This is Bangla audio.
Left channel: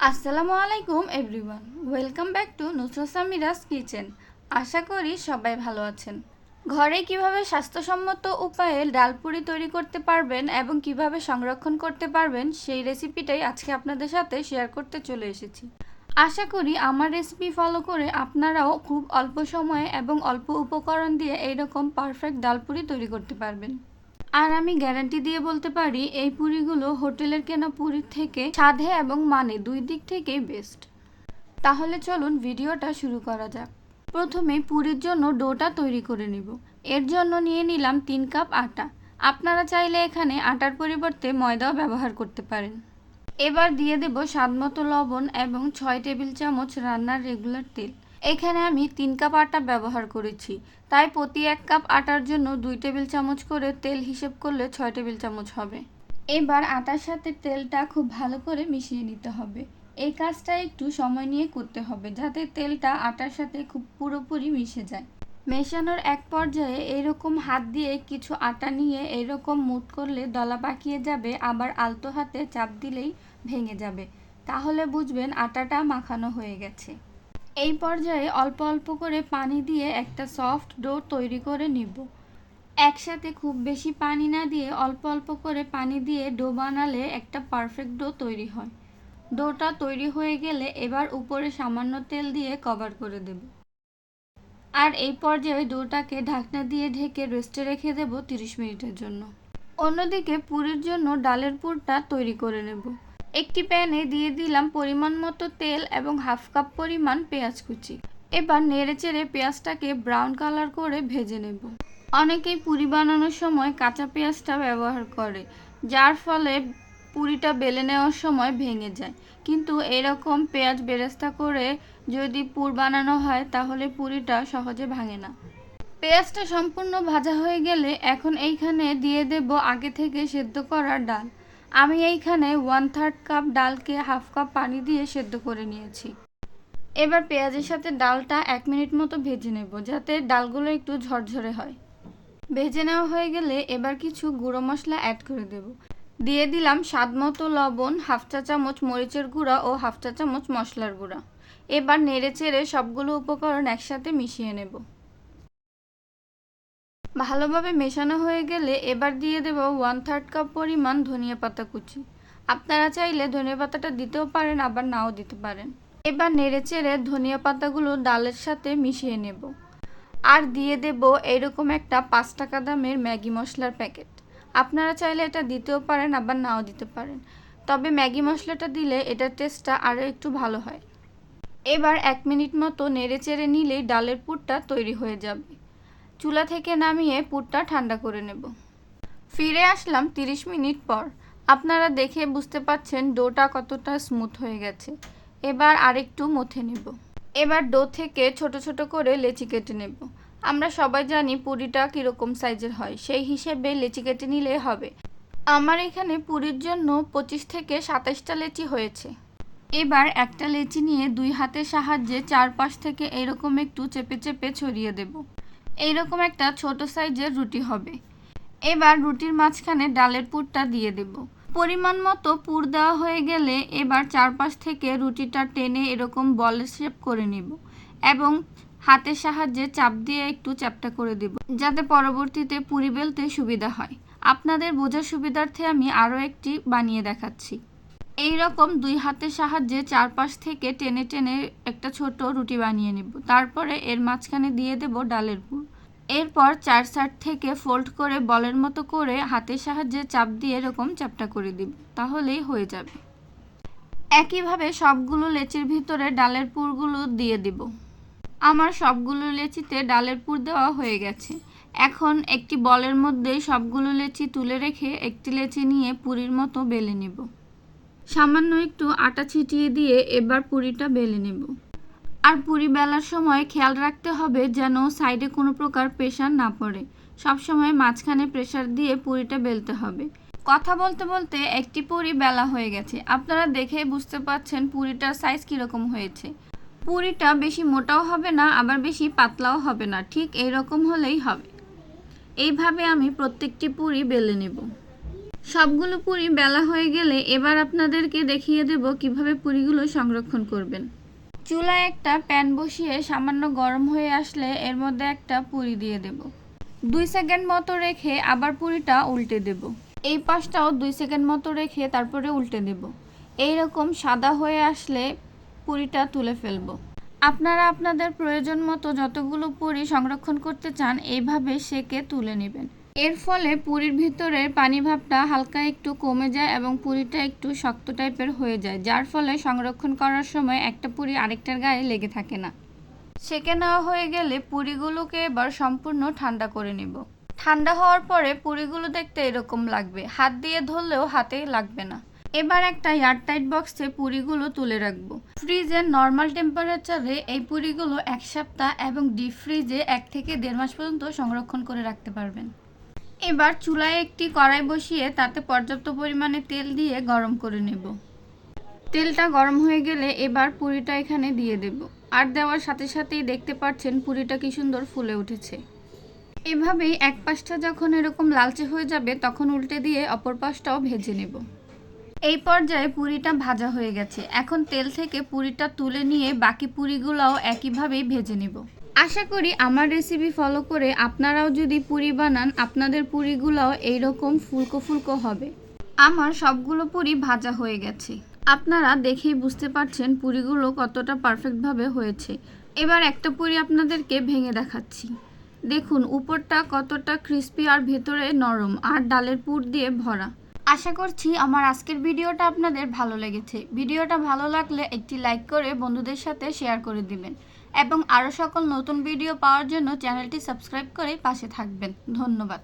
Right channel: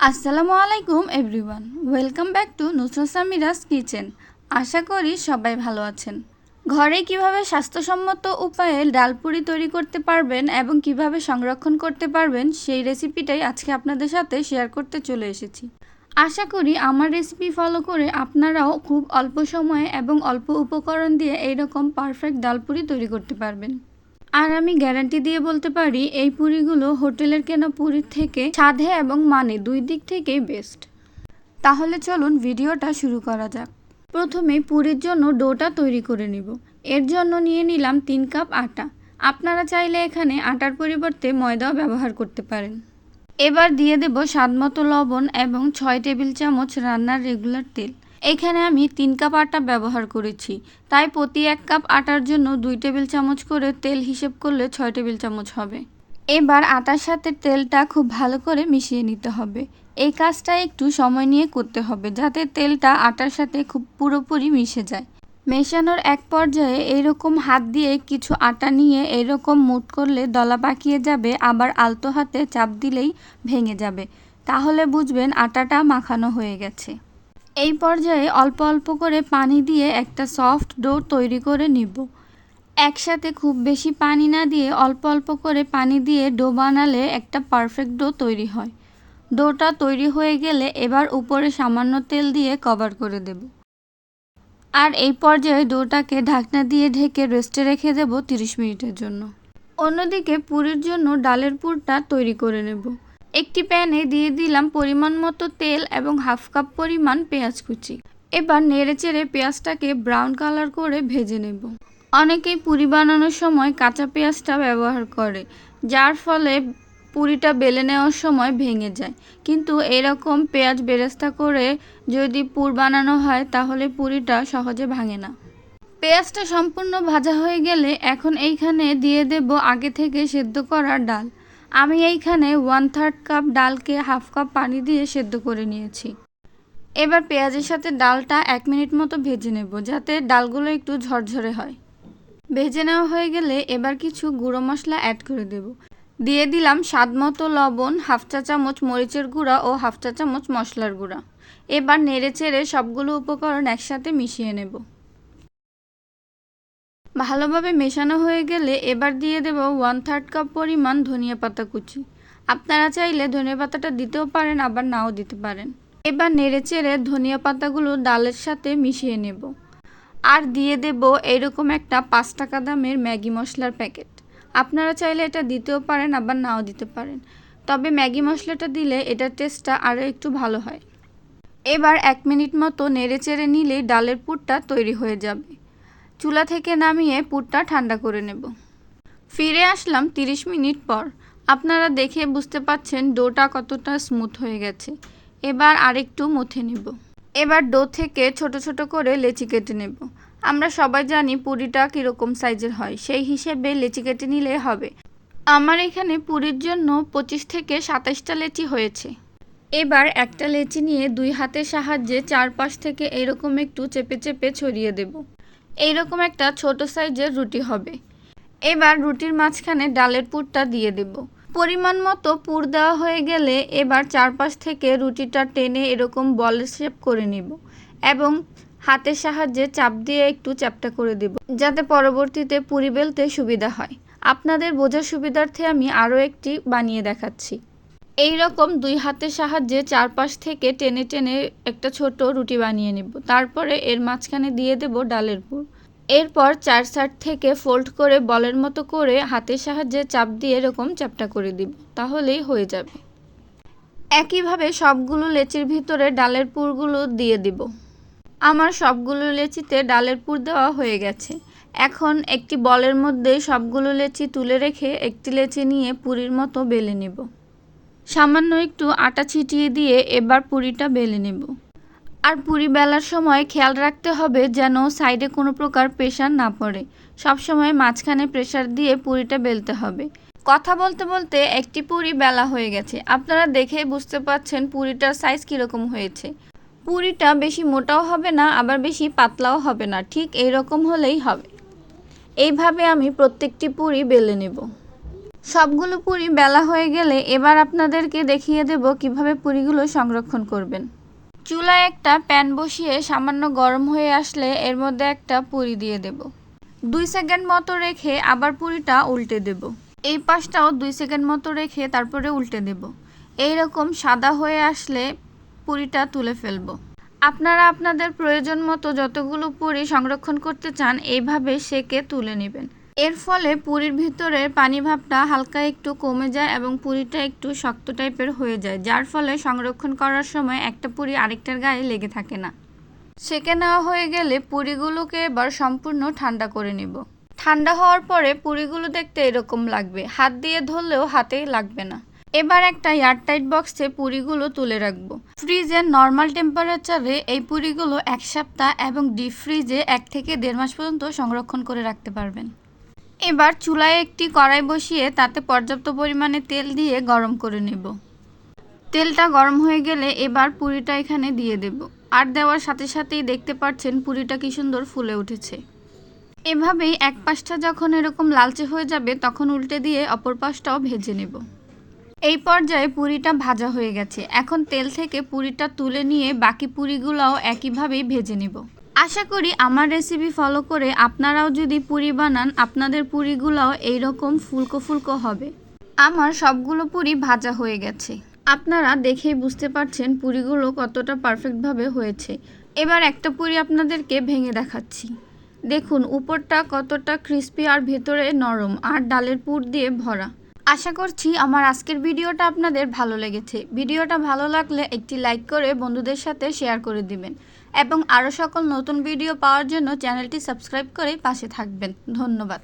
আসসালামু আলাইকুম everyone, welcome back to Nusrat Samira's kitchen. আশা করি সবাই ভালো আছেন। ঘরে কিভাবে স্বাস্থ্যসম্মত উপায়ে ডালপুরি তৈরি করতে পারবেন এবং কিভাবে সংরক্ষণ করতে পারবেন সেই রেসিপিটাই আজকে আপনাদের সাথে শেয়ার করতে চলে এসেছি। আশা করি আমার রেসিপি ফলো করে আপনারাও খুব অল্প সময়ে এবং অল্প উপকরণ দিয়ে এইরকম পারফেক্ট ডালপুরি তৈরি করতে পারবেন। আর আমি গ্যারান্টি দিয়ে বলতে পারি এই পুরিগুলো হোটেলের কেনা পুরির থেকে স্বাদে এবং মানে দুই দিক থেকেই বেস্ট। তাহলে চলুন ভিডিওটা শুরু করা যাক। প্রথমে পুরির জন্য ডোটা তৈরি করে নিব। এর জন্য নিয়ে নিলাম 3 কাপ আটা। আপনারা চাইলে এখানে আটার পরিবর্তে ময়দাও ব্যবহার করতে পারেন। এবার দিয়ে দেব স্বাদমতো লবণ এবং 6 টেবিল চামচ রান্নার রেগুলার তেল। এখানে আমি 3 কাপ আটা ব্যবহার করেছি, তাই প্রতি 1 কাপ আটার জন্য 2 টেবিল চামচ করে তেল হিসেব করলে 6 টেবিল চামচ হবে। এবার আটার সাথে তেলটা খুব ভালো করে মিশিয়ে নিতে হবে। এই কাজটা একটু সময় নিয়ে করতে হবে যাতে তেলটা আটার সাথে খুব পুরোপুরি মিশে যায়। মেশানোর এক পর্যায়ে এইরকম হাত দিয়ে কিছু আটা নিয়ে এইরকম মুঠ করলে দলা পাকিয়ে যাবে, আবার আলতো হাতে চাপ দিলেই ভেঙে যাবে। তাহলে বুঝবেন আটাটা মাখানো হয়ে গেছে। এই পর্যায়ে অল্প অল্প করে পানি দিয়ে একটা সফট ডো তৈরি করে নিব। একসাথে খুব বেশি পানি না দিয়ে অল্প অল্প করে পানি দিয়ে ডো বানালে একটা পারফেক্ট ডো তৈরি হয়। ডোটা তৈরি হয়ে গেলে এবার উপরে সামান্য তেল দিয়ে কভার করে দেব। আর এই পর্যায়ে ডোটাকে ঢাকনা দিয়ে ঢেকে রেস্টে রেখে দেব 30 মিনিটের জন্য। অন্যদিকে পুরির জন্য ডালের পুরটা তৈরি করে নেব। একটি প্যানে দিয়ে দিলাম পরিমাণ মতো তেল এবং হাফ কাপ পরিমাণ পেঁয়াজ কুচি। এবার নেড়েচেড়ে পেঁয়াজটাকে ব্রাউন কালার করে ভেজে নেব। অনেকেই পুরি বানানোর সময় কাঁচা পেঁয়াজটা ব্যবহার করে, যার ফলে পুরিটা বেলে নেওয়ার সময় ভেঙে যায়। কিন্তু এরকম পেঁয়াজ বেরেস্তা করে যদি পুর বানানো হয় তাহলে পুরিটা সহজে ভাঙে না। পেঁয়াজটা সম্পূর্ণ ভাজা হয়ে গেলে এখন এইখানে দিয়ে দেব আগে থেকে সেদ্ধ করা ডাল। আমি এইখানে 1/3 কাপ ডালকে হাফ কাপ পানি দিয়ে সেদ্ধ করে নিয়েছি। এবার পেঁয়াজের সাথে ডালটা 1 মিনিট মতো ভেজে নেব যাতে ডালগুলো একটু ঝরঝরে হয়। ভেজে নেওয়া হয়ে গেলে এবার কিছু গুঁড়ো মশলা অ্যাড করে দেব। দিয়ে দিলাম স্বাদমতো লবণ, হাফ চা চামচ মরিচের গুঁড়া ও হাফ চা চামচ মশলার গুঁড়া। এবার নেড়েচেড়ে সবগুলো উপকরণ একসাথে মিশিয়ে নেব। ভালোভাবে মেশানো হয়ে গেলে এবার দিয়ে দেব 1/3 কাপ পরিমাণ ধনিয়া পাতা কুচি। আপনারা চাইলে ধনিয়া পাতাটা দিতেও পারেন, আবার নাও দিতে পারেন। এবার নেড়েচেড়ে ধনিয়া পাতাগুলো ডালের সাথে মিশিয়ে নেব। আর দিয়ে দেব এরকম একটা 5 টাকা দামের ম্যাগি মশলার প্যাকেট। আপনারা চাইলে এটা দিতেও পারেন, আবার নাও দিতে পারেন, তবে ম্যাগি মশলাটা দিলে এটার টেস্টটা আরও একটু ভালো হয়। এবার 1 মিনিট মতো নেড়েচেড়ে নিলেই ডালের পুরটা তৈরি হয়ে যাবে। চুলা থেকে নামিয়ে পুরটা ঠান্ডা করে নেব। ফিরে আসলাম 30 মিনিট পর। আপনারা দেখে বুঝতে পাচ্ছেন ডোটা কতটা স্মুথ হয়ে গেছে। এবার আরেকটু মথে নেব। এবার ডো থেকে ছোট ছোট করে লেচি কেটে নেব। আমরা সবাই জানি পুরিটা কীরকম সাইজের হয়, সেই হিসেবে লেচি কেটে নিলে হবে। আমার এখানে পুরির জন্য 25 থেকে 27টা লেচি হয়েছে। এবার একটা লেচি নিয়ে 2 হাতের সাহায্যে চারপাশ থেকে এরকম একটু চেপে চেপে ছড়িয়ে দেব। এইরকম একটা ছোট সাইজের রুটি হবে। এবার রুটির মাঝখানে ডালের পুরটা দিয়ে দেব। পরিমাণ মতো পুর দেওয়া হয়ে গেলে এবার চারপাশ থেকে রুটিটা টেনে এরকম বলের শেপ করে নিব এবং হাতের সাহায্যে চাপ দিয়ে একটু চ্যাপ্টা করে দেব যাতে পরবর্তীতে পুরি বেলতে সুবিধা হয়। আপনাদের বোঝার সুবিধার্থে আমি আরও একটি বানিয়ে দেখাচ্ছি। এই রকম 2 হাতের সাহায্যে চারপাশ থেকে টেনে টেনে একটা ছোট রুটি বানিয়ে নেব। তারপরে এর মাঝখানে দিয়ে দেব ডালের পুর। এরপর 4 সাইড থেকে ফোল্ড করে বলের মতো করে হাতের সাহায্যে চাপ দিয়ে এরকম চ্যাপ্টা করে দিব, তাহলেই হয়ে যাবে। একইভাবে সবগুলো লেচির ভিতরে ডালের পুরগুলো দিয়ে দিব। আমার সবগুলো লেচিতে ডালের পুর দেওয়া হয়ে গেছে। এখন একটি বলের মধ্যে সবগুলো লেচি তুলে রেখে একটি লেচি নিয়ে পুরির মতো বেলে নেব। সামান্য একটু আটা ছিটিয়ে দিয়ে এবার পুরিটা বেলে নেব। আর পুরি বেলার সময় খেয়াল রাখতে হবে যেন সাইডে কোনো প্রকার প্রেশার না পড়ে। সবসময় মাঝখানে প্রেশার দিয়ে পুরিটা বেলতে হবে। কথা বলতে বলতে একটি পুরি বেলা হয়ে গেছে। আপনারা দেখে বুঝতে পারছেন পুরিটার সাইজ কীরকম হয়েছে। পুরিটা বেশি মোটাও হবে না, আবার বেশি পাতলাও হবে না, ঠিক এইরকম হলেই হবে। এইভাবে আমি প্রত্যেকটি পুরি বেলে নেব। সবগুলো পুরি বেলা হয়ে গেলে এবার আপনাদেরকে দেখিয়ে দেব কিভাবে পুরিগুলো সংরক্ষণ করবেন। চুলায় একটা প্যান বসিয়ে সামান্য গরম হয়ে আসলে এর মধ্যে একটা পুরি দিয়ে দেব। 2 সেকেন্ড মতো রেখে আবার পুরিটা উল্টে দেব। এই পাশটাও 2 সেকেন্ড মতো রেখে তারপরে উল্টে দেব। এইরকম সাদা হয়ে আসলে পুরিটা তুলে ফেলবো। আপনারা আপনাদের প্রয়োজন মতো যতগুলো পুরি সংরক্ষণ করতে চান এইভাবে সেকে তুলে নেবেন। এর ফলে পুরির ভিতরের পানি ভাবটা হালকা একটু কমে যায় এবং পুরিটা একটু শক্ত টাইপের হয়ে যায়, যার ফলে সংরক্ষণ করার সময় একটা পুরি আরেকটার গায়ে লেগে থাকে না। সেকে নেওয়া হয়ে গেলে পুরিগুলোকে এবার সম্পূর্ণ ঠান্ডা করে নেব। ঠান্ডা হওয়ার পরে পুরিগুলো দেখতে এরকম লাগবে, হাত দিয়ে ধরলেও হাতে লাগবে না। এবার একটা এয়ারটাইট বক্সে পুরিগুলো তুলে রাখবো। ফ্রিজের নর্মাল টেম্পারেচারে এই পুরিগুলো 1 সপ্তাহ এবং ডিপ ফ্রিজে 1 থেকে 1.5 মাস পর্যন্ত সংরক্ষণ করে রাখতে পারবেন। এবার চুলায় একটি কড়াই বসিয়ে তাতে পর্যাপ্ত পরিমাণে তেল দিয়ে গরম করে নেব। তেলটা গরম হয়ে গেলে এবার পুরিটা এখানে দিয়ে দেব। আর দেওয়ার সাথে সাথেই দেখতে পাচ্ছেন পুরিটা কি সুন্দর ফুলে উঠেছে। এভাবেই এক পাশটা যখন এরকম লালচে হয়ে যাবে তখন উল্টে দিয়ে অপর পাশটাও ভেজে নেব। এই পর্যায়ে পুরিটা ভাজা হয়ে গেছে। এখন তেল থেকে পুরিটা তুলে নিয়ে বাকি পুরিগুলোও একইভাবেই ভেজে নেব। আশা করি আমার রেসিপি ফলো করে আপনারাও যদি পুরি বানান আপনাদের পুরিগুলোও এইরকম ফুলকো ফুলকো হবে। আমার সবগুলো পুরি ভাজা হয়ে গেছে। আপনারা দেখেই বুঝতে পারছেন পুরিগুলো কতটা পারফেক্টভাবে হয়েছে। এবার একটা পুরি আপনাদেরকে ভেঙে দেখাচ্ছি। দেখুন উপরটা কতটা ক্রিস্পি আর ভেতরে নরম আর ডালের পুর দিয়ে ভরা। আশা করছি আমার আজকের ভিডিওটা আপনাদের ভালো লেগেছে। ভিডিওটা ভালো লাগলে একটি লাইক করে বন্ধুদের সাথে শেয়ার করে দিবেন এবং আরও সকল নতুন ভিডিও পাওয়ার জন্য চ্যানেলটি সাবস্ক্রাইব করে পাশে থাকবেন। ধন্যবাদ।